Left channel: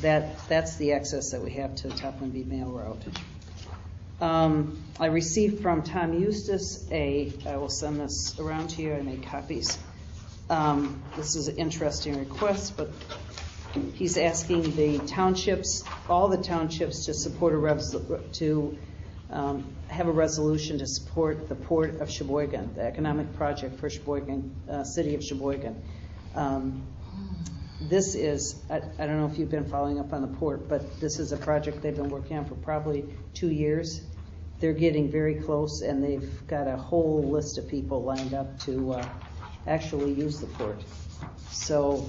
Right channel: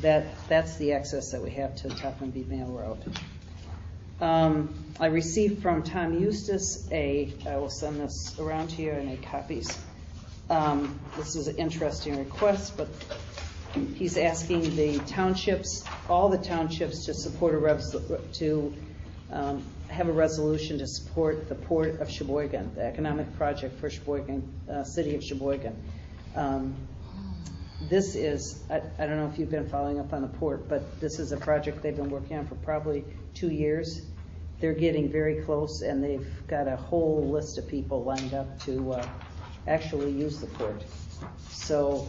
that's the access that we have to Topham Mail Road. I received from Tom Eustice I will send this around to you. I made copies. This is an interesting request, but he's asking the townships, all the townships, to support have a resolution to support the Port of Cheboygan, the economic project for Cheboygan, city of Cheboygan. This is, I don't know if you've been following up on the port, but this is a project they've been working on for probably 2 years. They're getting very close, and they've got a whole list of people lined up to actually use the port. So,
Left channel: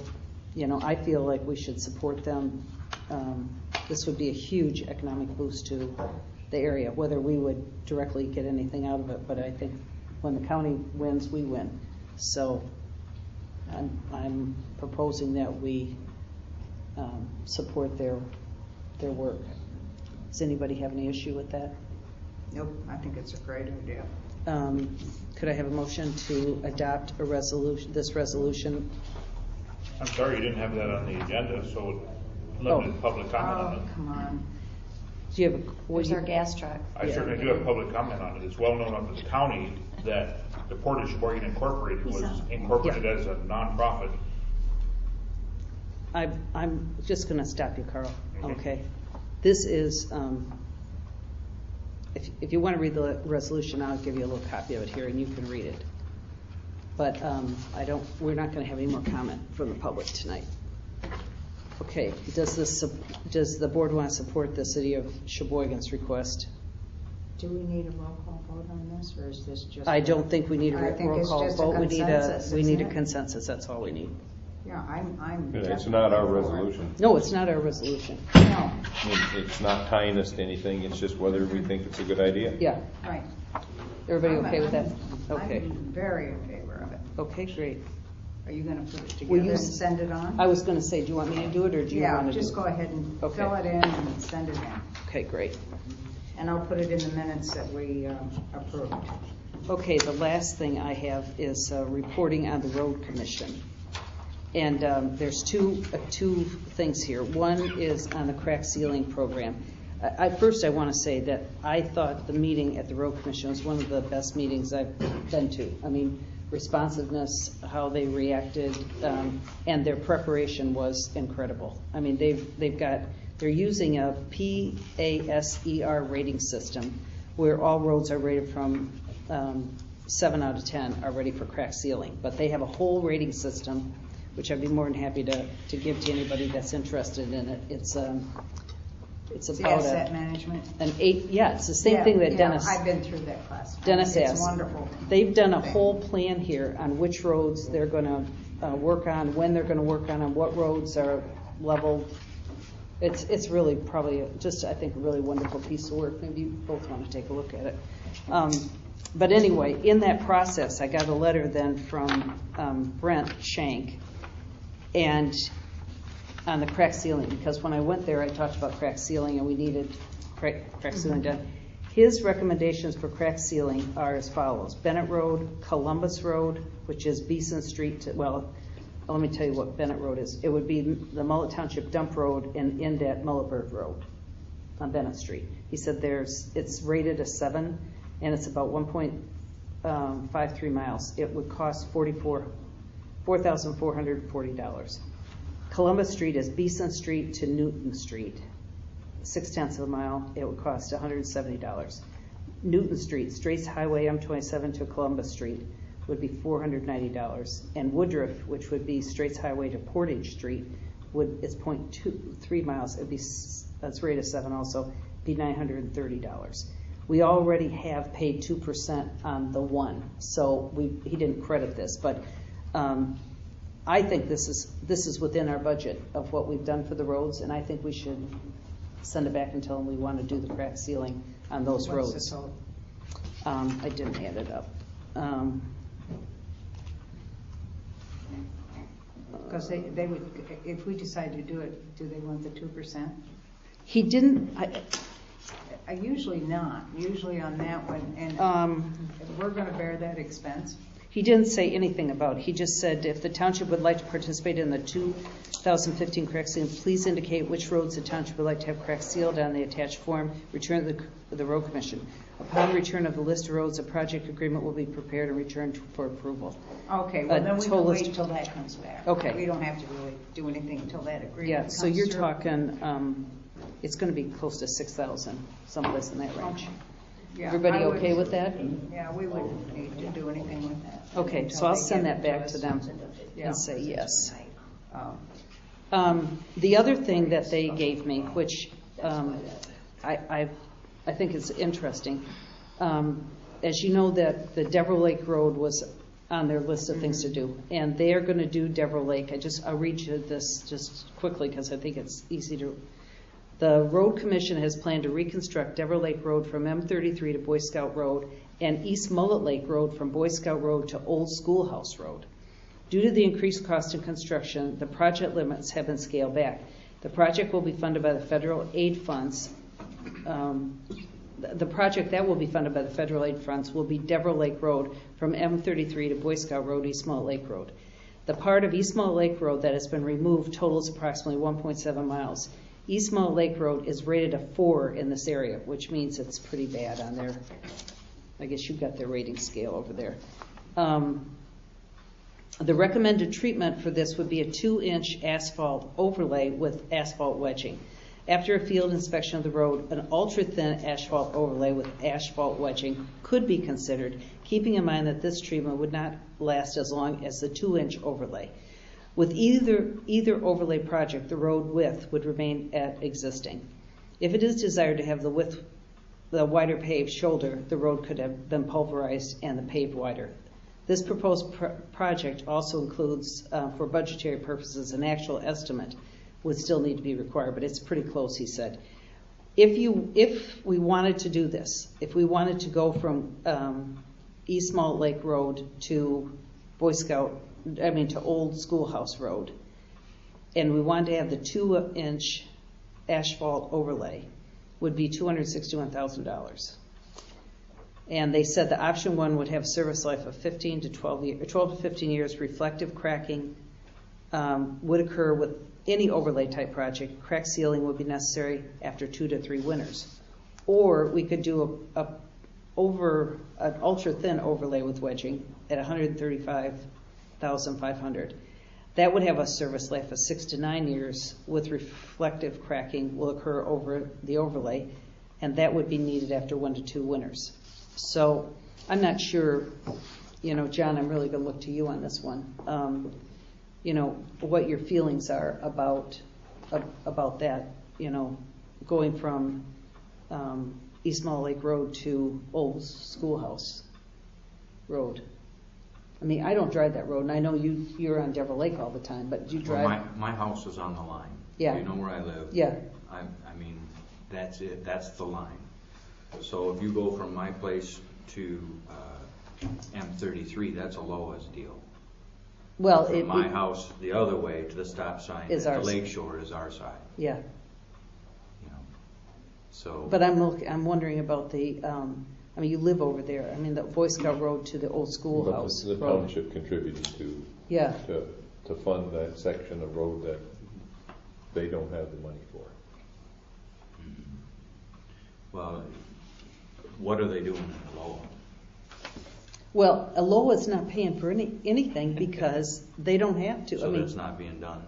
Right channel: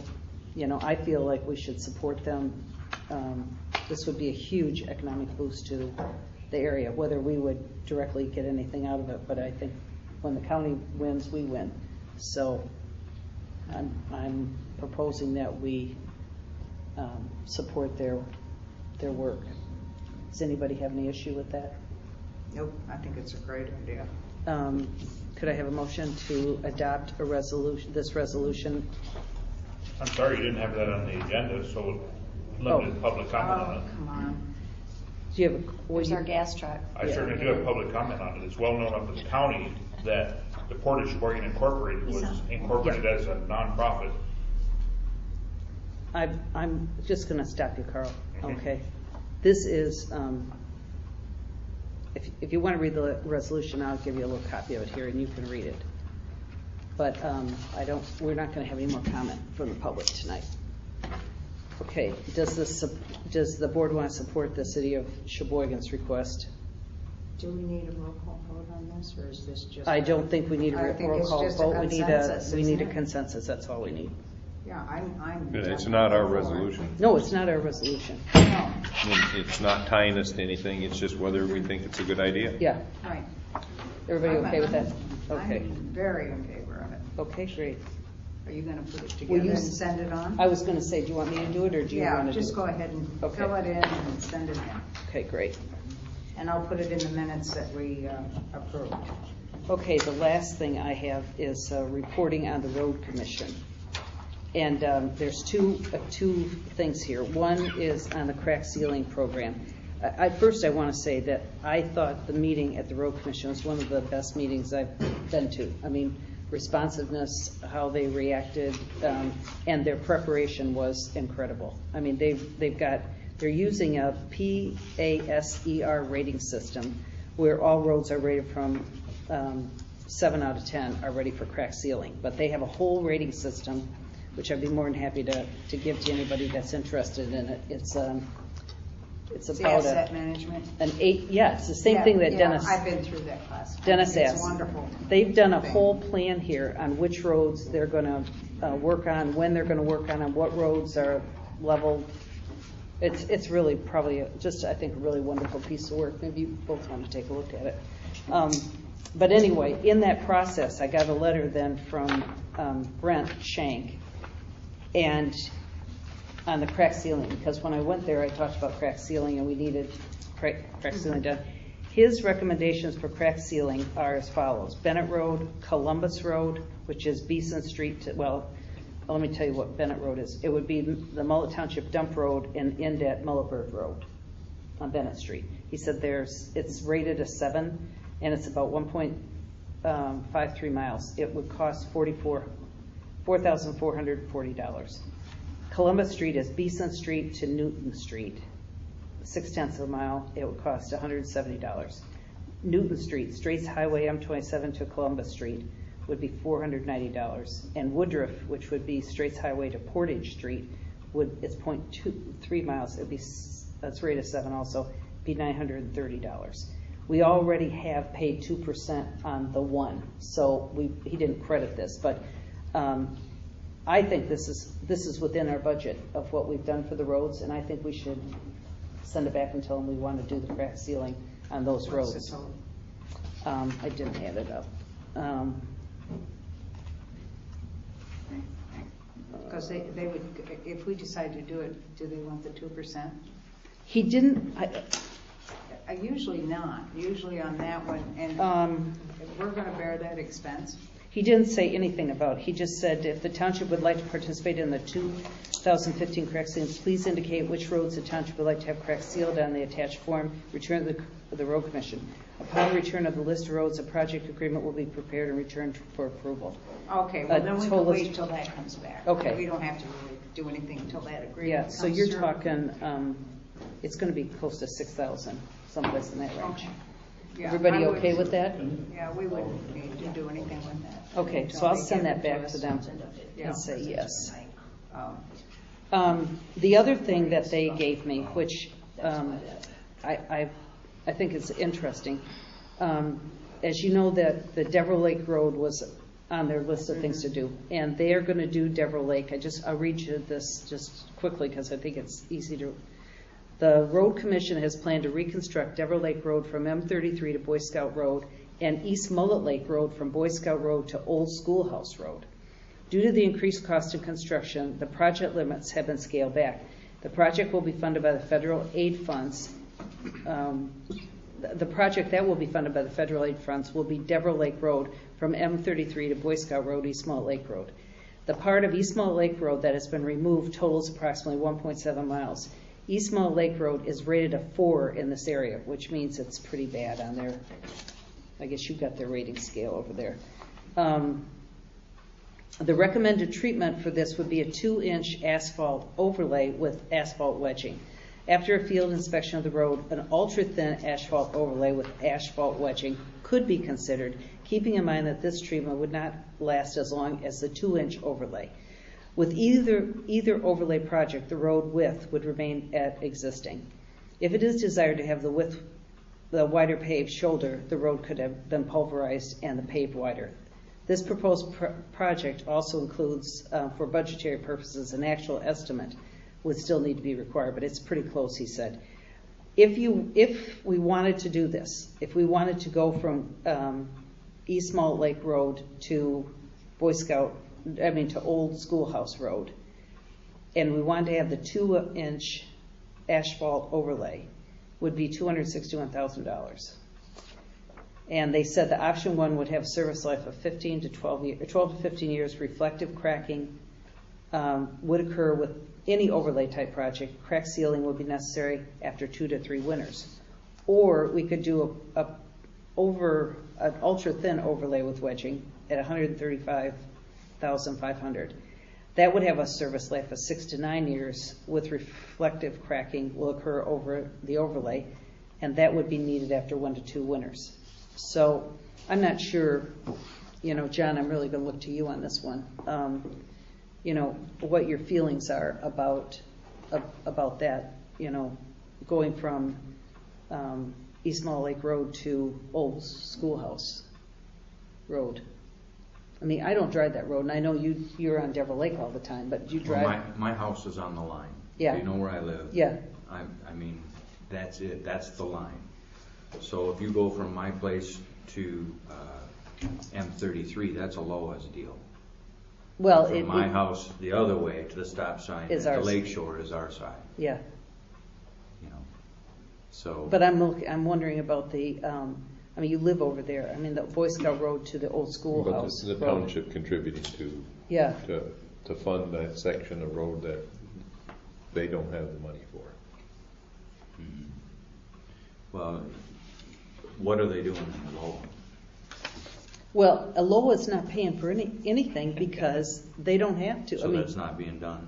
you know, I feel like we should support them. This would be a huge economic boost to the area, whether we would directly get anything out of it, but I think when the county wins, we win. So I'm proposing that we support their work. Does anybody have any issue with that? Nope, I think it's a great idea. Could I have a motion to adopt a resolution? This resolution. I'm sorry you didn't have that on the agenda, so limited public comment on it. Come on. Do you have Where's our gas truck? I certainly do have public comment on it. It's well known up in the county that the Port of Cheboygan Incorporated was incorporated as a nonprofit. I'm just going to stop you, Carl. Okay. This is, if you want to read the resolution, I'll give you a little copy of it here, and you can read it. But we're not going to have any more comment from the public tonight. Okay. Does the board want to support the city of Cheboygan's request? Do we need a roll call vote on this, or is this just? I don't think we need a roll call vote. We need a consensus. Consensus. That's all we need. Yeah, I'm. Good. It's not our resolution. No, it's not our resolution. No. I mean, it's not tying us to anything. It's just whether we think it's a good idea. Yeah. Right. Everybody okay with that? Okay. I'm very in favor of it. Okay, great. Are you going to put it together and send it on? I was going to say, do you want me to do it, or do you want to do it? Yeah, just go ahead and fill it in and send it in. Okay, great. And I'll put it in the minutes that we approved. Okay, the last thing I have is reporting on the road commission. And there's two things here. One is on the crack sealing program. First, I want to say that I thought the meeting at the road commission was one of the best meetings I've been to. I mean, responsiveness, how they reacted, and their preparation was incredible. I mean, they're using a PASER rating system where all roads are rated from 7 out of 10 are ready for crack sealing. But they have a whole rating system, which I'd be more than happy to give to anybody that's interested in it. It's about asset management. an 8. Yeah, it's the same thing that Dennis. I've been through that class. Dennis it's asked. Wonderful. They've done a whole plan here on which roads they're going to work on, when they're going to work on what roads are leveled. It's really probably just, I think, a really wonderful piece of work. Maybe you both want to take a look at it. But anyway, in that process, I got a letter then from Brent Shank, and on the crack sealing, because when I went there, I talked about crack sealing, and we needed crack sealing done. His recommendations for crack sealing are as follows: Bennett Road, Columbus Road, which is Beeson Street to, well, let me tell you what Bennett Road is. It would be the Mullett Township Dump Road and end at Mullett Road on Bennett Street. He said it's rated a 7, and it's about 1.53 miles. It would cost $4,440. Columbus Street is Beeson Street to Newton Street, 0.6 of a mile. It would cost $170. Newton Street, Straits Highway M27 to Columbus Street, would be $490. And Woodruff, which would be Straits Highway to Portage Street, it's 0.3 miles. That's rated 7 also, be $930. We already have paid 2% on the one, so he didn't credit this, but I think this is within our budget of what we've done for the roads, and I think we should send it back until we want to do the crack sealing on those roads. I didn't hand it up. Because they would, if we decide to do it, do they want the 2%? He didn't. Usually not. Usually on that one, and we're going to bear that expense. He didn't say anything about it. He just said if the township would like to participate in the 2015 crack sealing, please indicate which roads the township would like to have crack sealed on the attached form, return to the road commission. Upon return of the list of roads, a project agreement will be prepared and returned for approval. Okay, well then we total can wait list- till that comes back. Okay. We don't have to really do anything until that agreement Yeah, comes so you're through. talking, it's gonna be close to 6,000, someplace in that range. Okay. Yeah, Everybody I would- okay with that? Yeah, we wouldn't need to do anything with that. Okay, so I'll Until they send get that it back to us. them Yeah. and say yes. Um, The other thing that they gave me, which I think is interesting, as you know, that the Devereux Lake Road was on their list of things to do, and they are going to do Devereux Lake. I'll read you this just quickly because I think it's easy to. The Road Commission has planned to reconstruct Devereux Lake Road from M33 to Boy Scout Road and East Mullet Lake Road from Boy Scout Road to Old Schoolhouse Road. Due to the increased cost of construction, the project limits have been scaled back. The project will be funded by the federal aid funds. The project that will be funded by the federal aid funds will be Devereux Lake Road from M33 to Boy Scout Road, East Mullet Lake Road. The part of East Mullet Lake Road that has been removed totals approximately 1.7 miles. East Mullet Lake Road is rated a 4 in this area, which means it's pretty bad on their, I guess you've got their rating scale over there. The recommended treatment for this would be a 2-inch asphalt overlay with asphalt wedging. After a field inspection of the road, an ultra-thin asphalt overlay with asphalt wedging could be considered, keeping in mind that this treatment would not last as long as the 2-inch overlay. With either overlay project, the road width would remain at existing. If it is desired to have the wider paved shoulder, the road could have been pulverized and the paved wider. This proposed project also includes, for budgetary purposes, an actual estimate would still need to be required, but it's pretty close, he said. If we wanted to do this, if we wanted to go from East Mullet Lake Road to to Old Schoolhouse Road, and we wanted to have the 2-inch asphalt overlay, would be $261,000. And they said the option 1 would have service life of 12 to 15 years. Reflective cracking would occur with any overlay type project. Crack sealing would be necessary after 2 to 3 winters. Or we could do an ultra thin overlay with wedging at $135,500. That would have a service life of 6 to 9 years, with reflective cracking will occur over the overlay, and that would be needed after 1 to 2 winters. So I'm not sure, John, I'm really going to look to you on this one. What your feelings are about that, going from East Mullet Lake Road to Old Schoolhouse Road. I mean, I don't drive that road, and I know you're on Devereux Lake all the time, but you drive. Well, my house is on the line. Yeah. You know where I live. Yeah. I mean, that's it. That's the line. So if you go from my place to M33, that's a Lowe's deal. Well, From my house the other way to the stop sign Is at the ours. lake shore is our side. Yeah. So. But I'm wondering about the. You live over there. I mean, the Boy Scout Road to the Old But Schoolhouse the Road. township contributing to Yeah. to fund that section of road that they don't have the money for. Well, what are they doing in Lowell? Well, Aloha's not paying for anything because they don't have to. So that's not being done.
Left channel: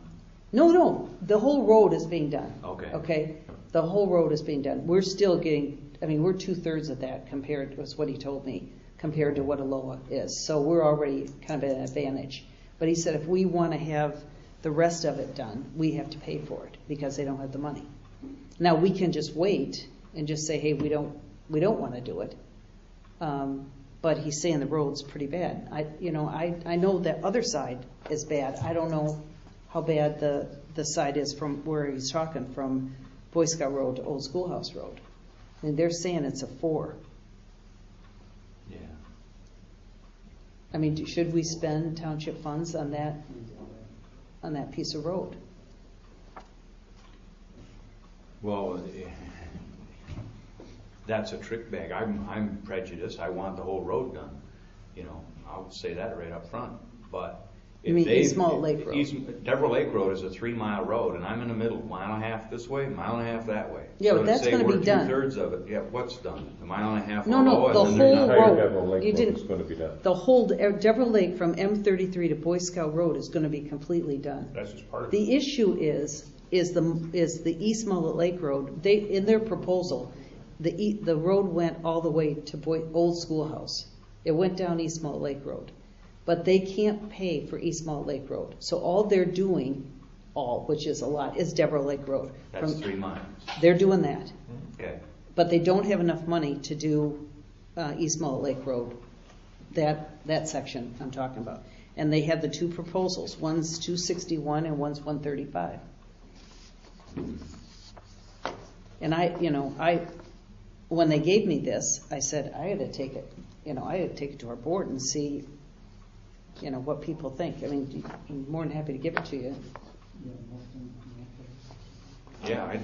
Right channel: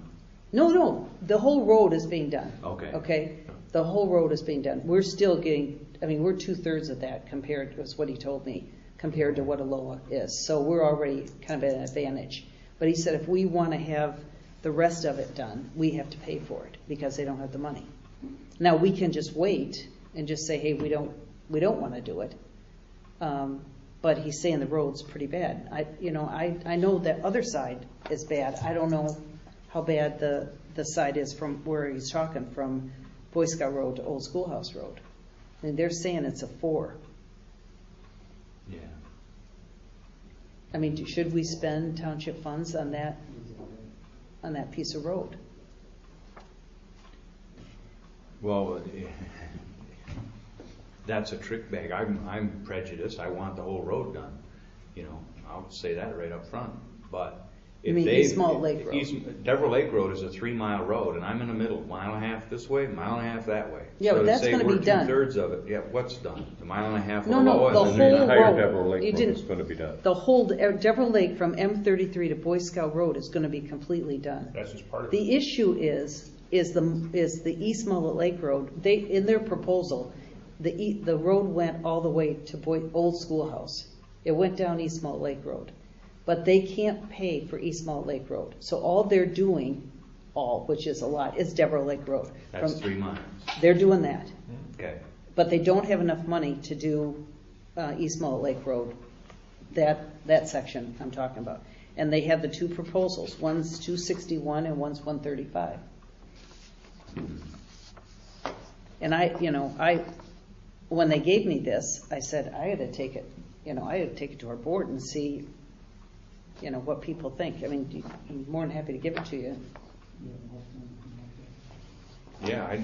No, the whole road is being done. Okay. Okay, the whole road is being done. We're still getting. We're 2/3 of that compared. That's what he told me compared to what Aloha is. So we're already kind of at an advantage. But he said if we want to have the rest of it done, we have to pay for it because they don't have the money. Now we can just wait and just say, hey, we don't want to do it. But he's saying the road's pretty bad. I know that other side is bad. I don't know how bad the side is from where he's talking, from Boy Scout Road to Old Schoolhouse Road. And they're saying it's a 4. Yeah. Should we spend township funds on that piece of road? Well, that's a trick bag. I'm prejudiced. I want the whole road done. I'll say that right up front, but. You mean East Mullet Lake Road? Deborah Lake Road is a 3-mile road, and I'm in the middle, mile and a half this way, mile and a half that way. Yeah, So but to that's say gonna be we're done. 2/3 of it, yeah, what's done? The mile and a half No, below the it, and whole then entire road. Deborah Lake You Road didn't- is gonna be done. The whole, Deborah Lake from M33 to Boy Scout Road is gonna be completely done. That's just part of it. The issue is the East Mullet Lake Road. They, in their proposal, the road went all the way to Old Schoolhouse. It went down East Mullet Lake Road. But they can't pay for East Mullet Lake Road. So all they're doing, which is a lot, is Deborah Lake Road. That's 3 miles. They're doing that. Okay. But they don't have enough money to do East Mullet Lake Road, that section I'm talking about. And they have the two proposals. One's 261 and one's 135. And when they gave me this, I said I had to take it to our board and see, what people think. I mean, I'm more than happy to give it to you. Yeah,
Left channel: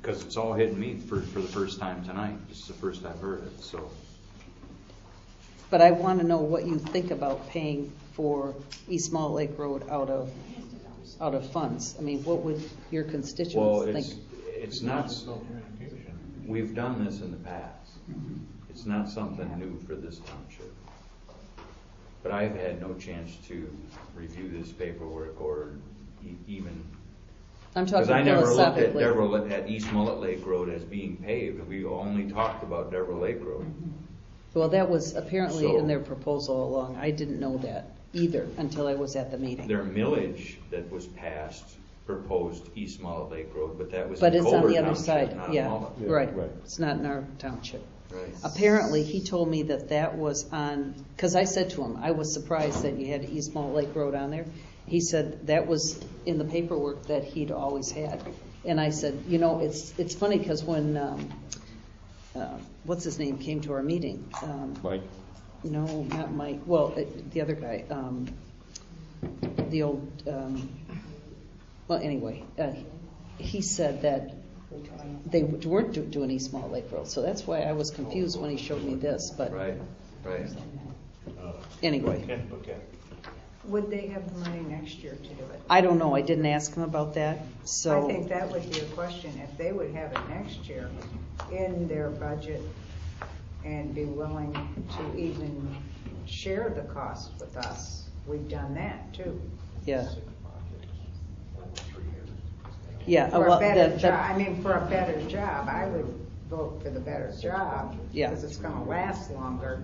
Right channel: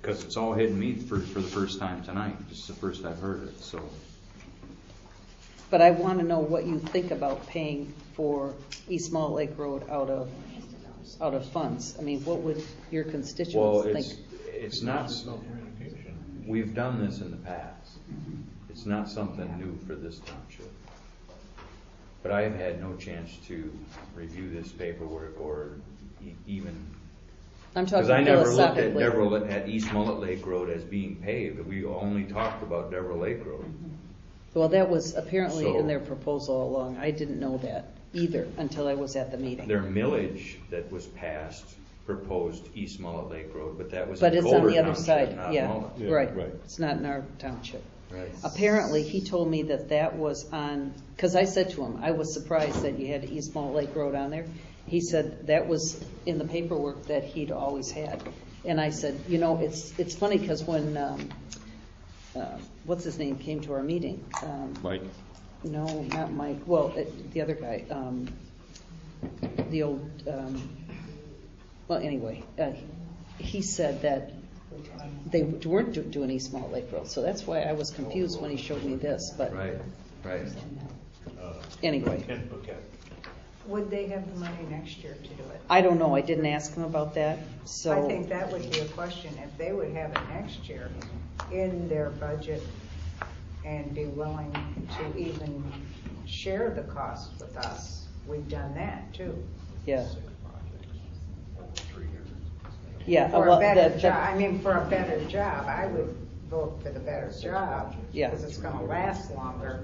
because it's all hitting me for the first time tonight. This is the first I've heard it, so. But I want to know what you think about paying for East Mullet Lake Road out of funds. I mean, what would your constituents think? It's not, we've done this in the past. It's not something new for this township. But I have had no chance to review this paperwork or even, I'm talking because I never looked philosophically. at East Mullet Lake Road as being paved. We only talked about Deborah Lake Road. Well, that was apparently So- in their proposal along. I didn't know that either until I was at the meeting. Their millage that was passed proposed East Mullet Lake Road, but that was But in it's on Culver the other Township, side, not yeah, Mullet. Yeah, right. right. It's not in our township. Right. Apparently, he told me that was on, because I said to him, I was surprised that you had East Mullet Lake Road on there. He said that was in the paperwork that he'd always had. And I said, it's funny because when, what's his name, came to our meeting. Mike? No, not Mike. Well, the other guy, the old, well, anyway, he said that they weren't doing East Mullet Lake Road, so that's why I was confused when he showed me this, but Right. anyway. Okay. Would they have the money next year to do it? I don't know, I didn't ask him about that, I so, think that would be a question, if they would have it next year in their budget and be willing to even share the cost with us. We've done that too. yeah. Yeah, For well, a better that- job, for a better job, I would vote for the better job. Yeah. Because it's gonna last longer,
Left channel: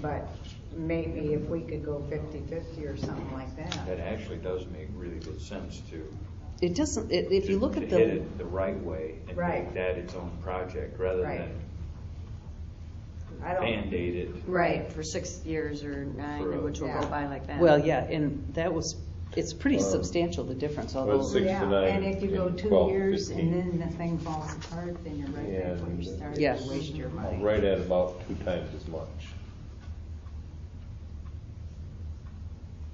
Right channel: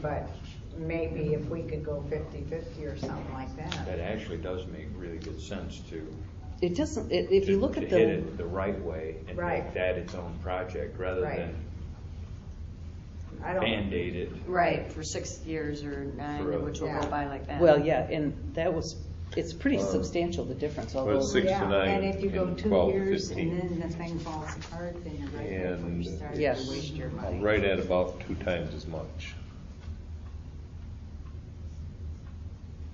but maybe if we could go 50-50 or something like that. It actually does make really good sense to. it doesn't, if you look to at hit the, it the right way and Right. make that its own project rather Right. than I don't, Band-Aid it. Right, for 6 years or 9, which will Yeah. go by like that. well, yeah, and it's pretty substantial, the difference, Well, although, 6 to yeah, 9 and if you go and 2 12 years 15. and then the thing falls apart, then you're right back where you And started Yeah. to waste your money. Right at about 2 times as much.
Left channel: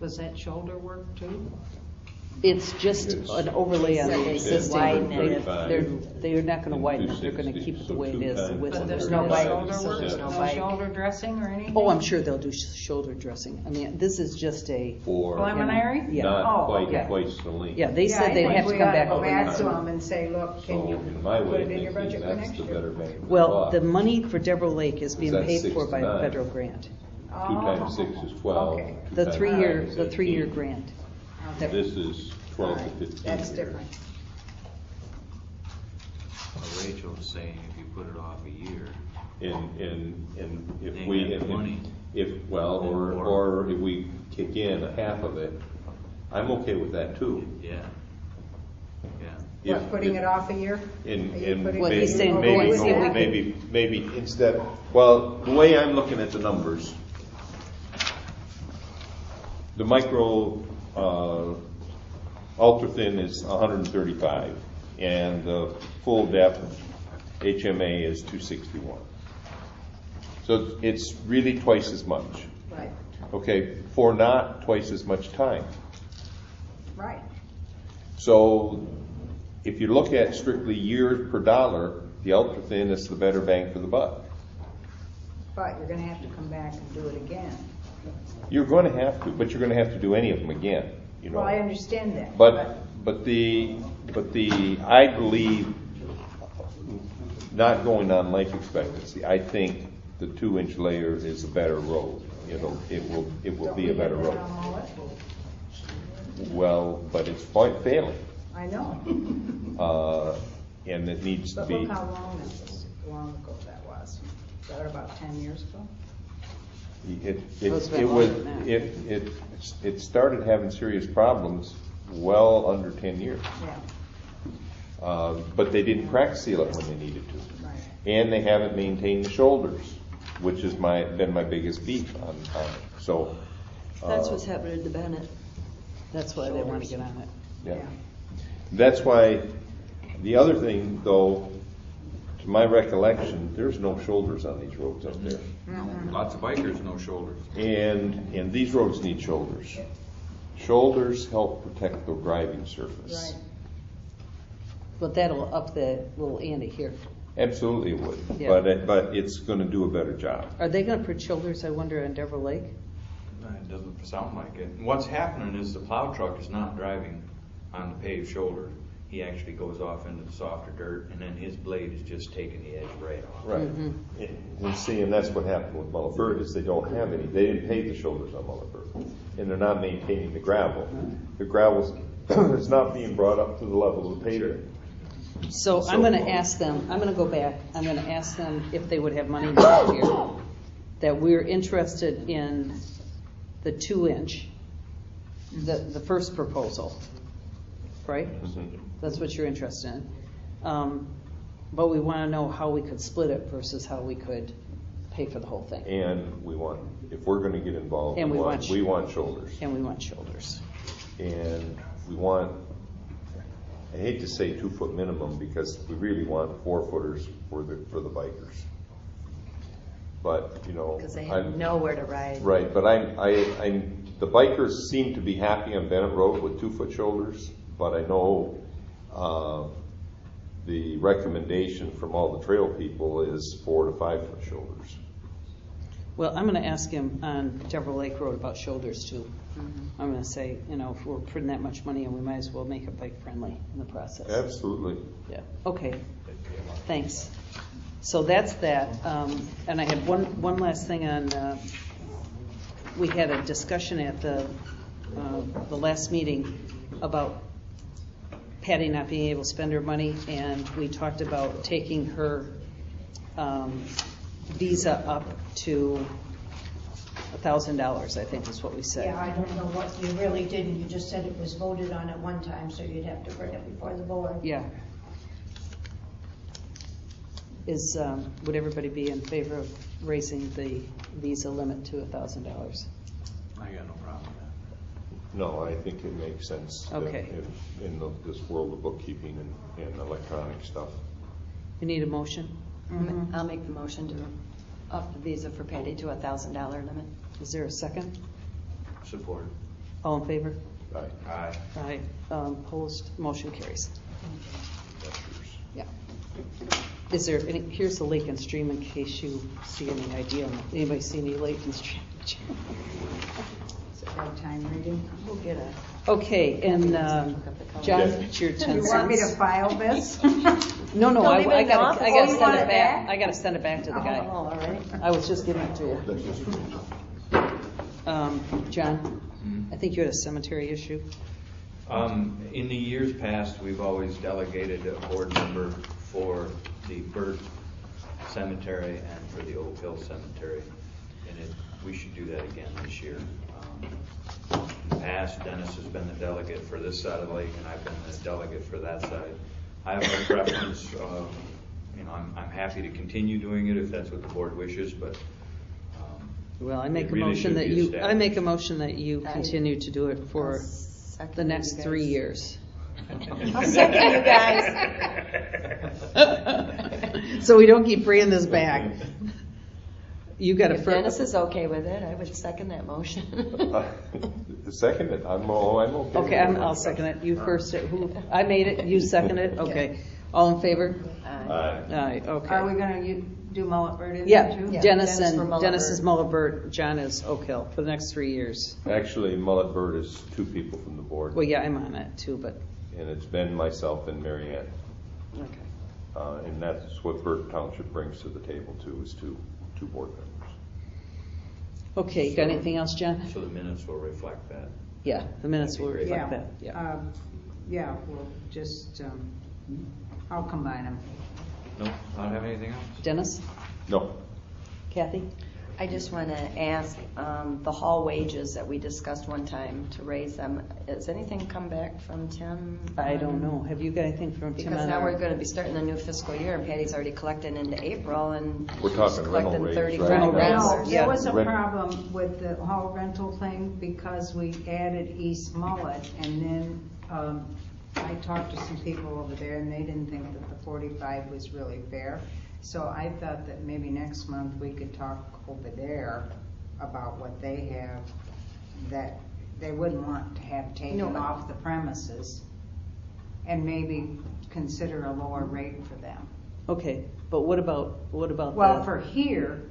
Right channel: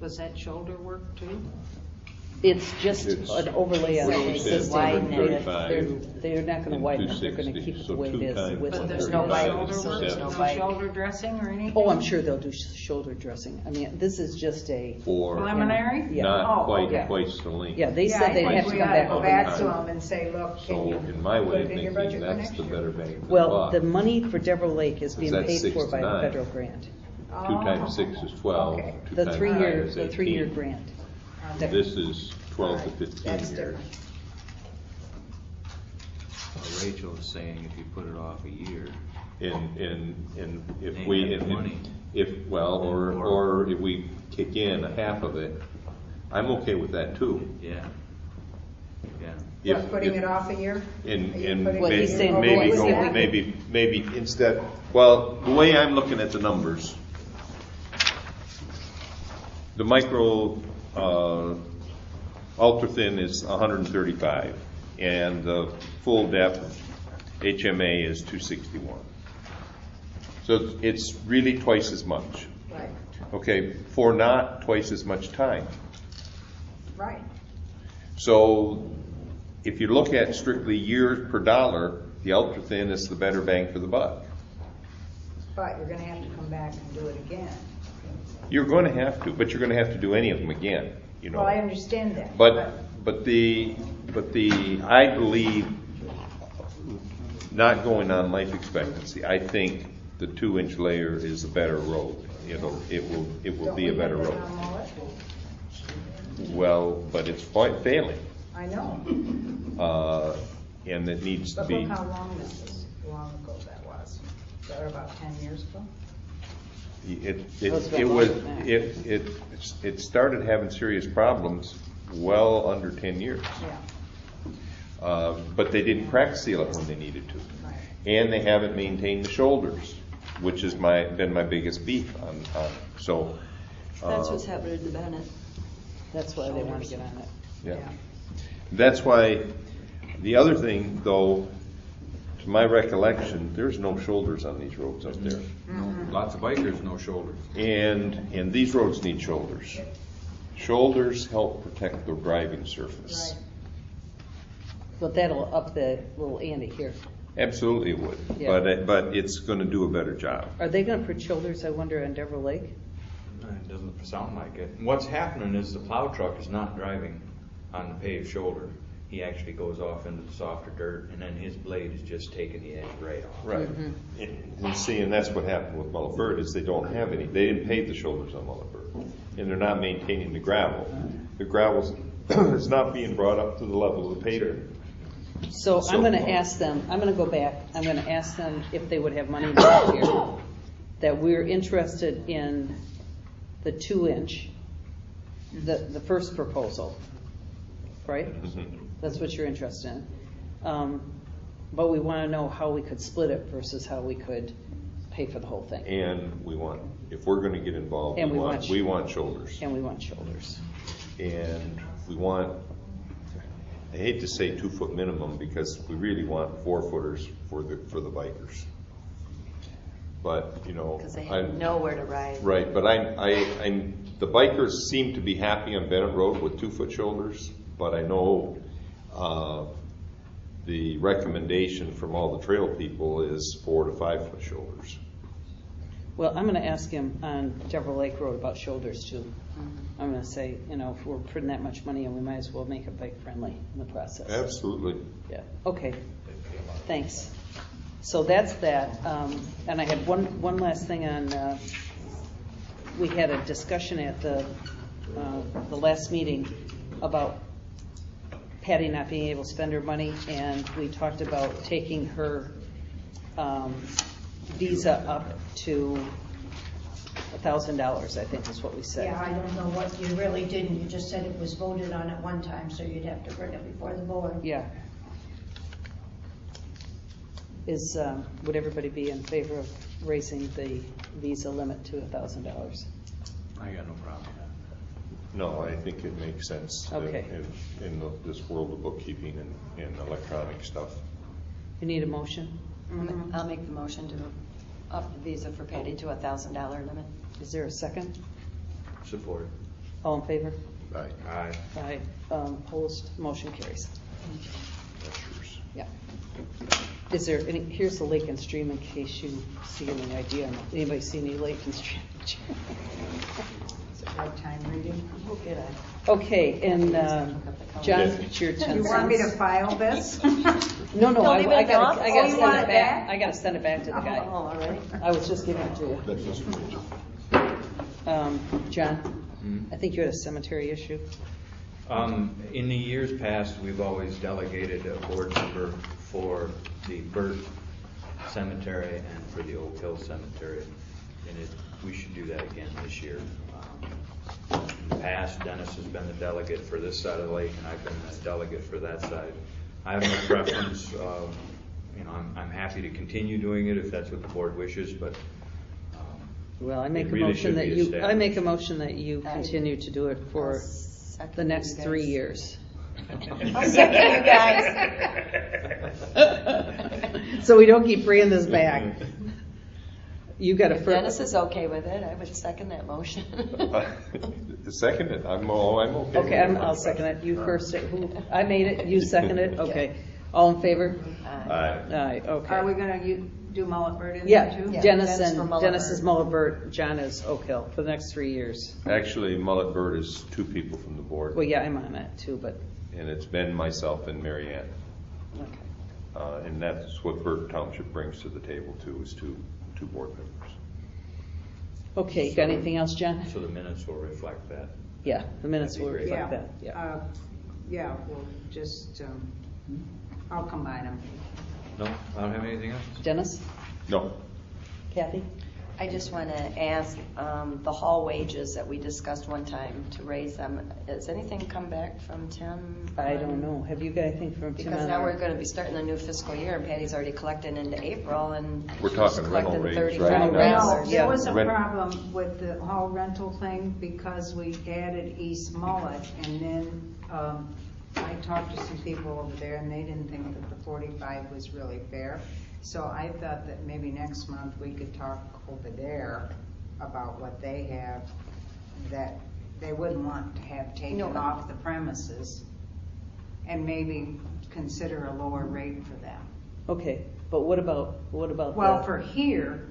Was that shoulder work too? it's just It's an overlay on the Widen existing. it. They're not gonna widen it, they're gonna 260, keep it so the way it 2 is. times with But the- there's no bite Shoulder so work, there's no no bite. shoulder dressing or anything? Oh, I'm sure they'll do shoulder dressing. I mean, this is just Or Preliminary? Yeah. not Oh, quite okay. twice the length. Yeah, they Yeah, said I they'd think have to we come ought back go over back time. to them and say, look, So can you in my put way it of in your thinking, budget for that's next the year? better bang for the Well, buck. the money for Deborah Lake is being Is that paid 6 for to by the 9? federal grant. 2 times 6 is 12. Okay. 2 The times 3-year, 9 is the 3-year 18. grant. Okay. This is 12 to Alright, 15 that's years. different. Rachel was saying if you put it off a year, And if They we, have money. or if we kick in a half of it, I'm okay with that too. yeah. What, putting it off a year? And Are you putting What it he's saying, off maybe a go- year? maybe instead, well, the way I'm looking at the numbers, the micro, ultra thin is 135 and the full depth HMA is 261. So it's really twice as much. Right, Okay, for not twice as much time. right. So if you look at strictly years per dollar, the ultra thin is the better bang for the buck. But you're gonna have to come back and do it again. You're going to have to, but you're going to have to do any of them again, you know. Well, I understand that. But I believe, not going on life expectancy, I think the 2-inch layer is a better road. It will be a better Don't we road. have that on Mullett? Well, but it's failing, I know, and it needs to but be. look how long ago that was. Was that about 10 years ago? It started having serious problems well under 10 years. Yeah. But they didn't crack seal it when they needed to. Right. And they haven't maintained the shoulders, which has been my biggest beef on it. So. That's what's happening to Bennett. That's why they want to get on it. Yeah. That's why, the other thing though, to my recollection, there's no shoulders on these roads up there. Lots of bikers, no shoulders. And these roads need shoulders. Shoulders help protect the driving surface. Right. But that'll up the little ante here. Absolutely it would, Yeah. but it's gonna do a better job. Are they gonna put shoulders, I wonder, on Devil Lake? It doesn't sound like it. What's happening is the plow truck is not driving on the paved shoulder. He actually goes off into the softer dirt, and then his blade is just taking the edge right off. Right. And see, and that's what happened with Mullett is they don't have any. They didn't pave the shoulders on Mullett, and they're not maintaining the gravel. The gravel is not being brought up to the level of the pavement. So I'm gonna ask them, I'm gonna go back, I'm gonna ask them if they would have money next year, that we're interested in the 2-inch, the first proposal, right? That's what you're interested in. But we wanna know how we could split it versus how we could pay for the whole thing. And if we're gonna get involved, And we we want shoulders. And we want shoulders. And we want, I hate to say 2-foot minimum because we really want 4-footers for the bikers. But, you know. Because they have nowhere to ride. Right, but the bikers seem to be happy on Bennett Road with 2-foot shoulders, but I know, the recommendation from all the trail people is 4 to 5-foot shoulders. Well, I'm gonna ask him on Devil Lake Road about shoulders too. I'm gonna say, you know, if we're putting that much money in, we might as well make it bike friendly in the process. Absolutely. Yeah, okay, thanks. So that's that, and I had one last thing on, we had a discussion at the last meeting about Patty not being able to spend her money, and we talked about taking her visa up to $1,000, I think is what we said. Yeah, I don't know what you really did, and you just said it was voted on at one time, so you'd have to bring it before the board. Yeah. Would everybody be in favor of raising the visa limit to $1,000? I got no problem with that. No, I think it makes sense. Okay. In this world of bookkeeping and electronic stuff. You need a motion? I'll make the motion to up the visa for Patty to $1,000 limit. Is there a second? Support. All in favor? Right. Aye. Aye. Opposed? Motion carries. That's yours. Yeah. Is there any, here's the Lake and Stream in case you see any idea. Anybody see any Lake and Stream? Is it right time reading? We'll get it. Okay, and John, it's your 10 You want me to cents. file this? No, Don't even I go gotta up. send Oh, it you want it back. back? I gotta send it back to the guy. Oh, all right. I was just giving it to you. That's just for Rachel. John, I think you had a cemetery issue. In the years past, we've always delegated a board member for the Burt Cemetery and for the Oak Hill Cemetery. And we should do that again this year. In the past, Dennis has been the delegate for this side of the lake, and I've been the delegate for that side. I have no preference. I'm happy to continue doing it if that's what the board wishes, but Well, I make It a really motion should that be you, I established. make a motion that you continue to do it for I'll second the next you 3 guys. years. I'll second you guys. So we don't keep bringing this back. You got a Dennis first. is okay with it. I would second that motion. Second it. I'm okay. Okay, I'll second it. You first, I made it, you seconded, okay. All in favor? Aye. Aye, Are okay. we gonna do Mullet Bird in there Yeah, too? Yeah. Dennis Dennis for and, Mullet Dennis is Bird. Mullet Bird, John is Oak Hill for the next 3 years. Actually, Mullet Bird is 2 people from the board, Well, yeah, I'm on it too, but, and it's Ben, myself, and Mary Ann. Okay. And that's what Burke Township brings to the table too, is two board members. okay, got anything else, John? So the minutes will reflect that. Yeah, the minutes will Yeah, reflect that, yeah. yeah, we'll just, I'll combine them. No, I don't have anything else. Dennis? No, Kathy? I just want to ask, the hall wages that we discussed one time to raise them, has anything come back from Tim? I don't know. Have you got anything from Tim? Because on now our- we're going to be starting the new fiscal year, and Patty's already collected into April, and We're talking she's rental collecting rates, $30. right? Rental rates. No, Yeah. there was a Rent- problem with the hall rental thing because we added East Mullet, and then, I talked to some people over there and they didn't think that the 45 was really fair. So I thought that maybe next month we could talk over there about what they have that they wouldn't want to have taken No. off the premises, and maybe consider a lower rate for them. Okay, but what about Well, the- for here,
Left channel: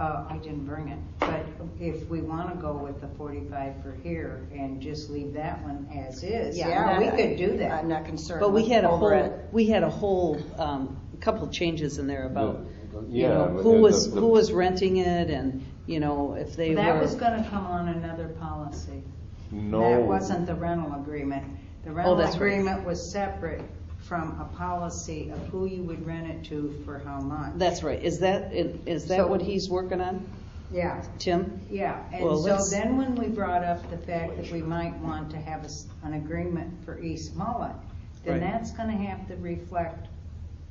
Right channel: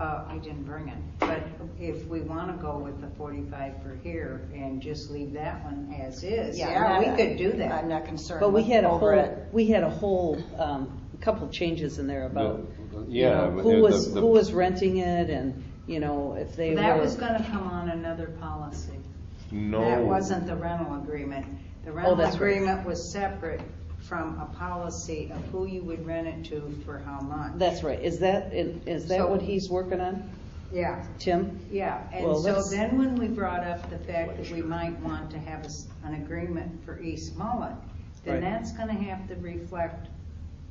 I didn't bring it, but if we wanna go with the 45 for here and just leave that one as is, yeah, we could do that. I'm not concerned. But we with had over it. a whole, couple of changes in there about, you yeah. know, but who the- was renting it and, you know, if they were. That was gonna come on another policy. No. That wasn't the rental agreement. The rental that's right. agreement was separate from a policy of who you would rent it to for how much. That's right. Is that So- what he's working on, Yeah, Tim? yeah, Well, and so let's- then when we brought up the fact that we might want to have an agreement for East Mullet, then Right. that's gonna have to reflect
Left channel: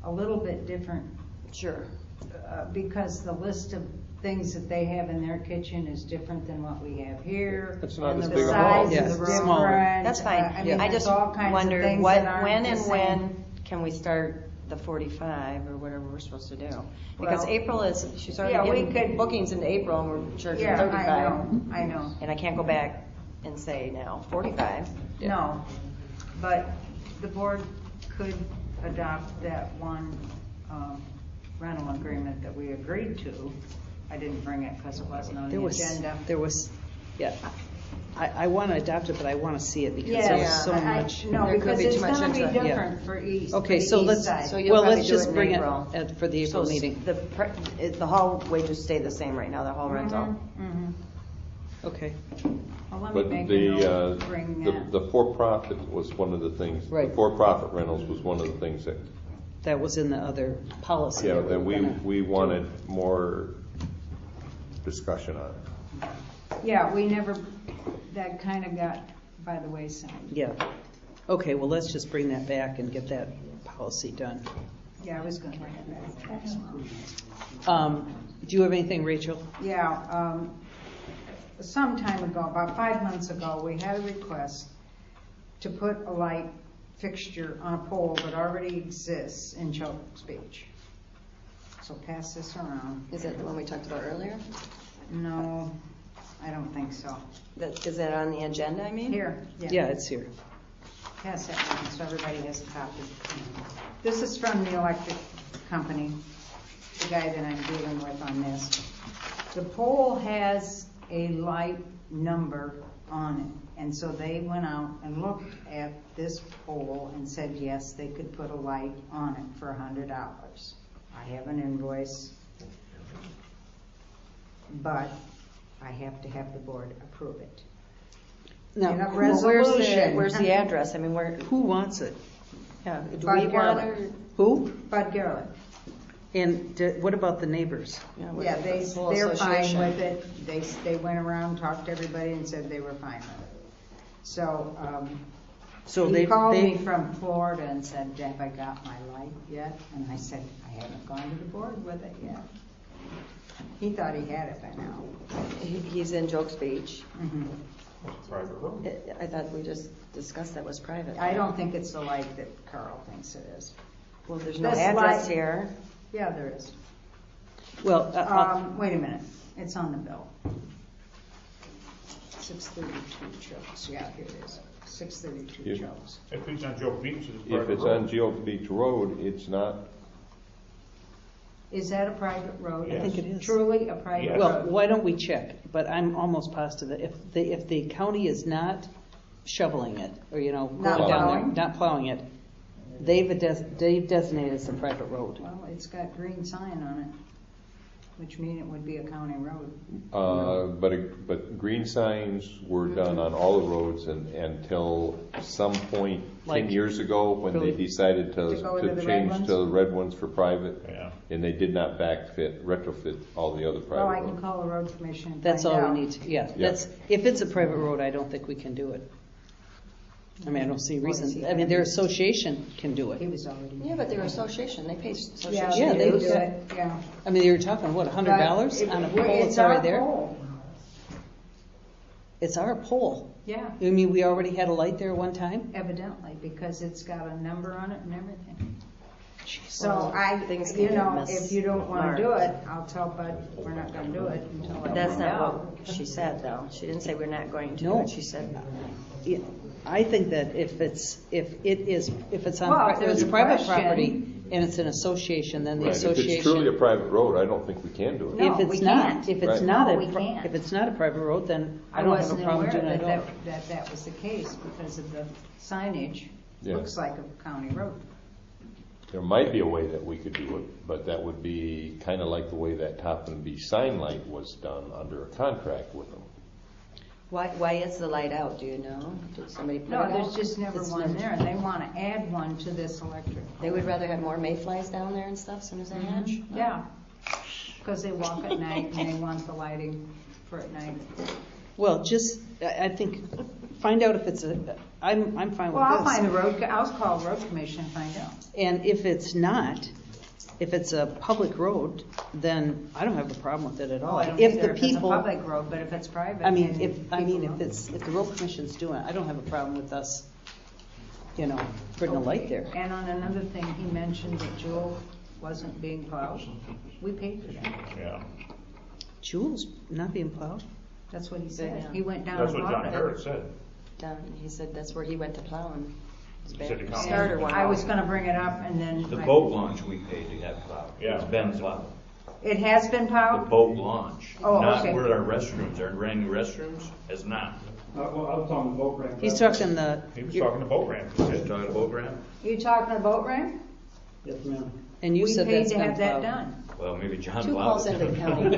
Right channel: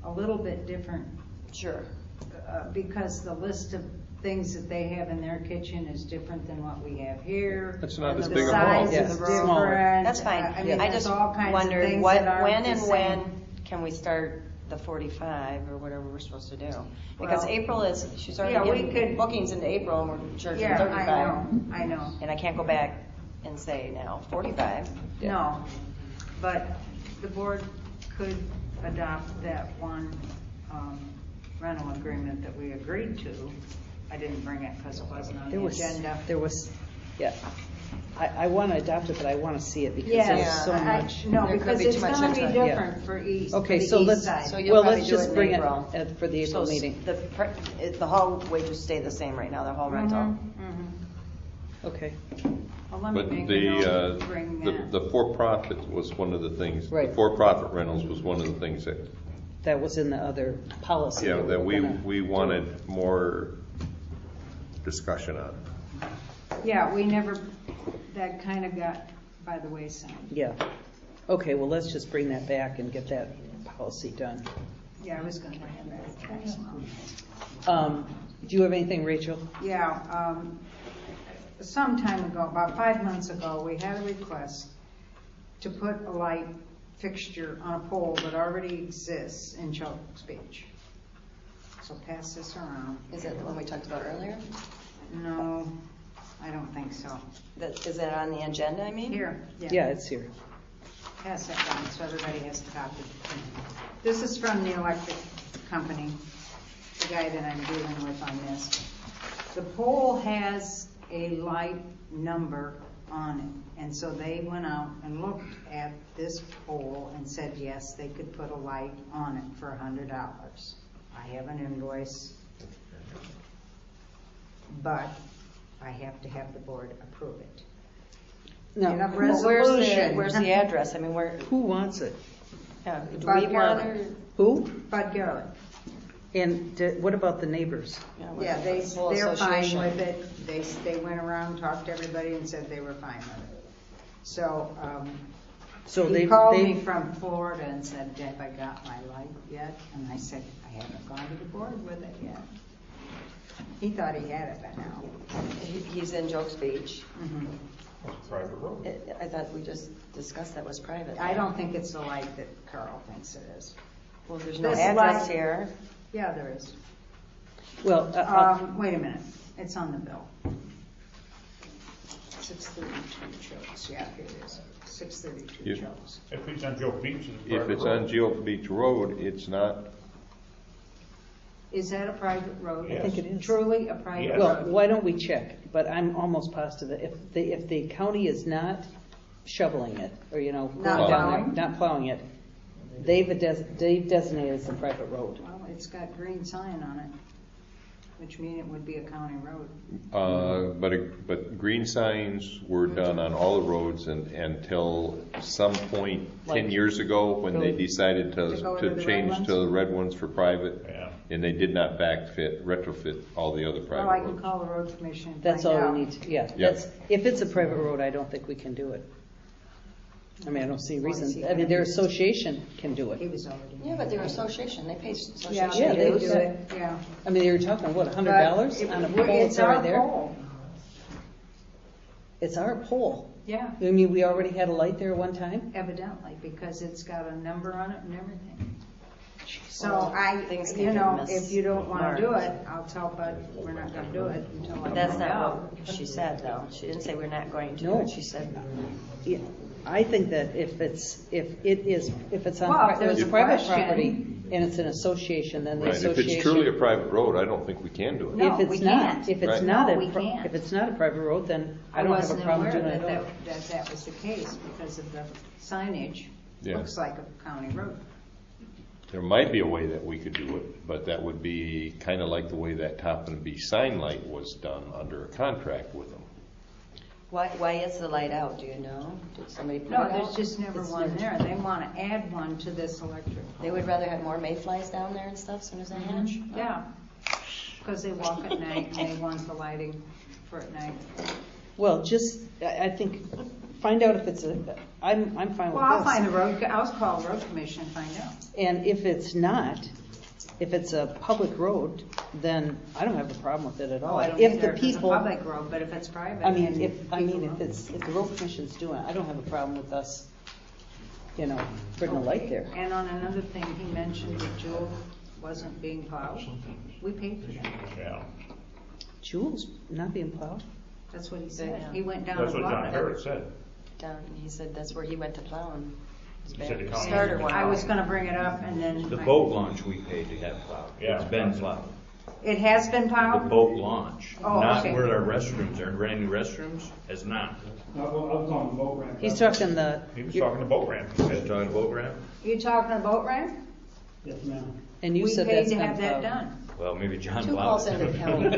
a little bit different, Sure. because the list of things that they have in their kitchen is different than what we have here. It's not as The big a hall. size Yeah, is it's different. smaller. That's fine. I mean, I there's just all kinds of wondered things what, that aren't when the and same. when can we start the 45 or whatever we're supposed to do? Because Well, April is, she's yeah, already we getting could- bookings into April and we're charging Yeah, 35. I know. And I can't go back and say now 45. No, but the board could adopt that one, rental agreement that we agreed to. I didn't bring it because it wasn't on the agenda. Yeah. I want to adopt it, but I want to see it because Yeah, there was so much. No, There could because be it's too much gonna be into it. different for east. Okay, for so east let's, side. So you'll well, probably let's do just it in bring it April. for the April So meeting. the hall wages stay the same right now, the hall rental. Mhm. Okay. Well, let me But make a the, note to bring that. the for-profit was one of the things, the Right. for-profit rentals was one of the things that, That was in the other policy. yeah, that we're gonna- we wanted more discussion on. Yeah, we never, that kind of got by the wayside. Yeah. Okay, well, let's just bring that back and get that policy done. Yeah, I was gonna bring it back next month. Do you have anything, Rachel? Yeah, some time ago, about 5 months ago, we had a request to put a light fixture on a pole that already exists in Children's Beach. So pass this around. Is that the one we talked about earlier? No, I don't think so. Is that on the agenda, I mean? Here, Yeah, it's here. pass that around so everybody has a copy. This is from the electric company, the guy that I'm dealing with on this. The pole has a light number on it, and so they went out and looked at this pole and said, yes, they could put a light on it for $100. I have an invoice, but I have to have the board approve it. Now, In a Well, resolution. where's the address? I mean, who wants it? do we Bud want Garland. to? Who? Bud Garland. And what about the neighbors? Yeah, they're fine with it. They went around, talked to everybody and said they were fine with it. So, So he called me they, from Florida and said, have I got my light yet? And I said, I haven't gone to the board with it yet. He thought he had it by now. He's in Jokes Beach. Private road. I thought we just discussed that was private. I don't think it's the light that Carl thinks it is. Well, there's no This address light- here. Yeah, there is. well, Wait a minute, it's on the bill. 632 Chokes, yeah, here it is, 632 You- Chokes. If it's on Joe Beach, it's If private it's road. on Geo Beach Road, it's not, Is that a private road? I think it is. Truly a private Yes. Well, road? why don't we check? But I'm almost positive, if the county is not shoveling it, or, you know, Not going down plowing? there, not plowing it, they've designated it as a private road. Well, it's got green sign on it, which means it would be a county road. But green signs were done on all the roads until some point 10 Like- years ago when they decided To go to to the change red to the red ones for private. Yeah. And they did not retrofit all the other Well, I private can roads. call the road commission and That's find all out. we need to, yeah. Yeah. That's, if it's a private road, I don't think we can do it. I mean, I don't see a reason, I mean, their association can do He it. was already. Yeah, but your association, they pay association. Yeah, Yeah, they they do do. it, yeah. I mean, they were talking, what, $100 But on a it- pole it's that's our already there? pole. It's our pole. Yeah, I mean, we already had a light there one time? evidently, because it's got a number on it and everything. Jeez. So Things you can know, get if you don't wanna do mismarked. it, I'll tell Bud, we're not gonna do it until I But that's find not out. what she said, though. She didn't say we're not going to. No. She said, Yeah, I think that if it's on, Well, if it's there's a private question. property and it's an association, then the Right, if it's truly a association. private road, I don't think we can do it. No, If it's we not, can't. if it's Right. not No, a, we can't. if it's not a private road, then I don't have a wasn't problem aware doing it at all. that was the case because of the signage. Yeah. Looks like a county road. There might be a way that we could do it, but that would be kind of like the way that Top and B sign light was done under a contract with them. why is the light out, do you know? Did somebody put it No, out? there's just never It's one never- there. They wanna add one to this electric. They would rather have more mayflies down there and stuff, soon as they hatch? Yeah, because they walk at night and they want the lighting for at night. Well, just, I think, find out if it's I'm fine Well, I'll with find this. a road, I'll call road commission and find out. And if it's not, if it's a public road, then I don't have a problem with it at all. Oh, I don't If either the if it's a people, public road, but if it's private. I mean, and if people- if the road commission's doing it, I don't have a problem with us, you know, putting a light there. And on another thing, he mentioned that Jewel wasn't being plowed. We paid for that. Yeah. Jewel's not being plowed. That's what he said. Yeah. He went down That's and what plowed John it. Harris said. He said that's where he went to plow and. He said the county- Starter one. I was gonna bring it up and then. The I- boat launch we paid to have plowed. Yeah. It's been plowed. It has been The plowed? boat launch, Oh, not okay. where our restrooms are, brand new restrooms, has not. I'm talking boat ramp. He's talking the, He was talking to boat ramp. He Is said, it on a boat ramp? You talking a boat ramp? Yes, ma'am. and you said that's We paid to been have that plowed. done. Well, maybe John Two plowed calls it. in the county.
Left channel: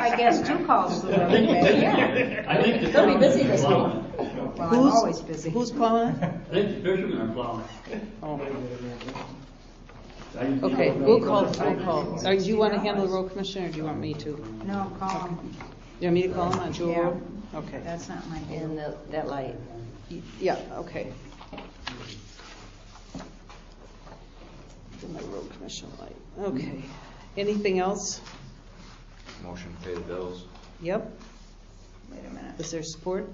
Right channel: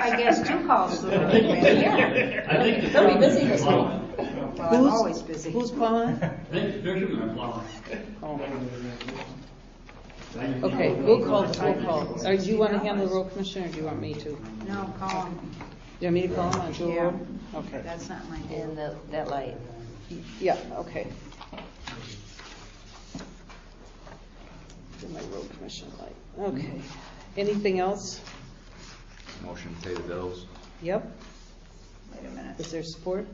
I guess 2 calls to the road. Yeah. I think the He'll be busy fishermen this are month. plowing. Well, I'm always busy. Who's plowing? I think the fishermen are plowing. Okay, we'll call. Do you want to handle the road commissioner, or do you want me to? No, call him. You want me to call him on Jewel Yeah. Road? Okay. That's not my deal. And that light. Yeah, okay. My road commission light. Okay. Anything else? Motion to pay the bills. Yep. Wait a minute. Is there support?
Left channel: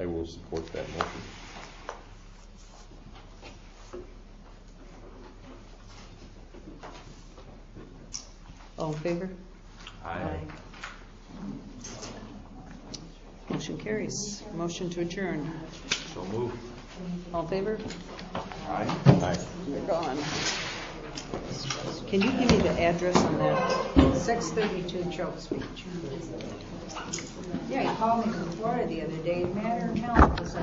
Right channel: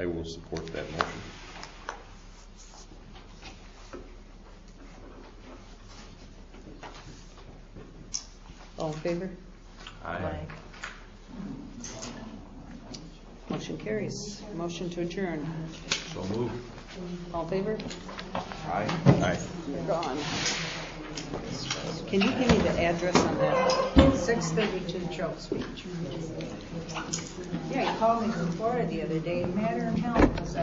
I will support that motion. All in favor? Aye. Motion carries. Motion to adjourn. So moved. All in favor? Aye. Aye. You're gone. Can you give me the address on that? 632 Choke Street. Yeah, he called me from Florida the other day, Matter and Hell, because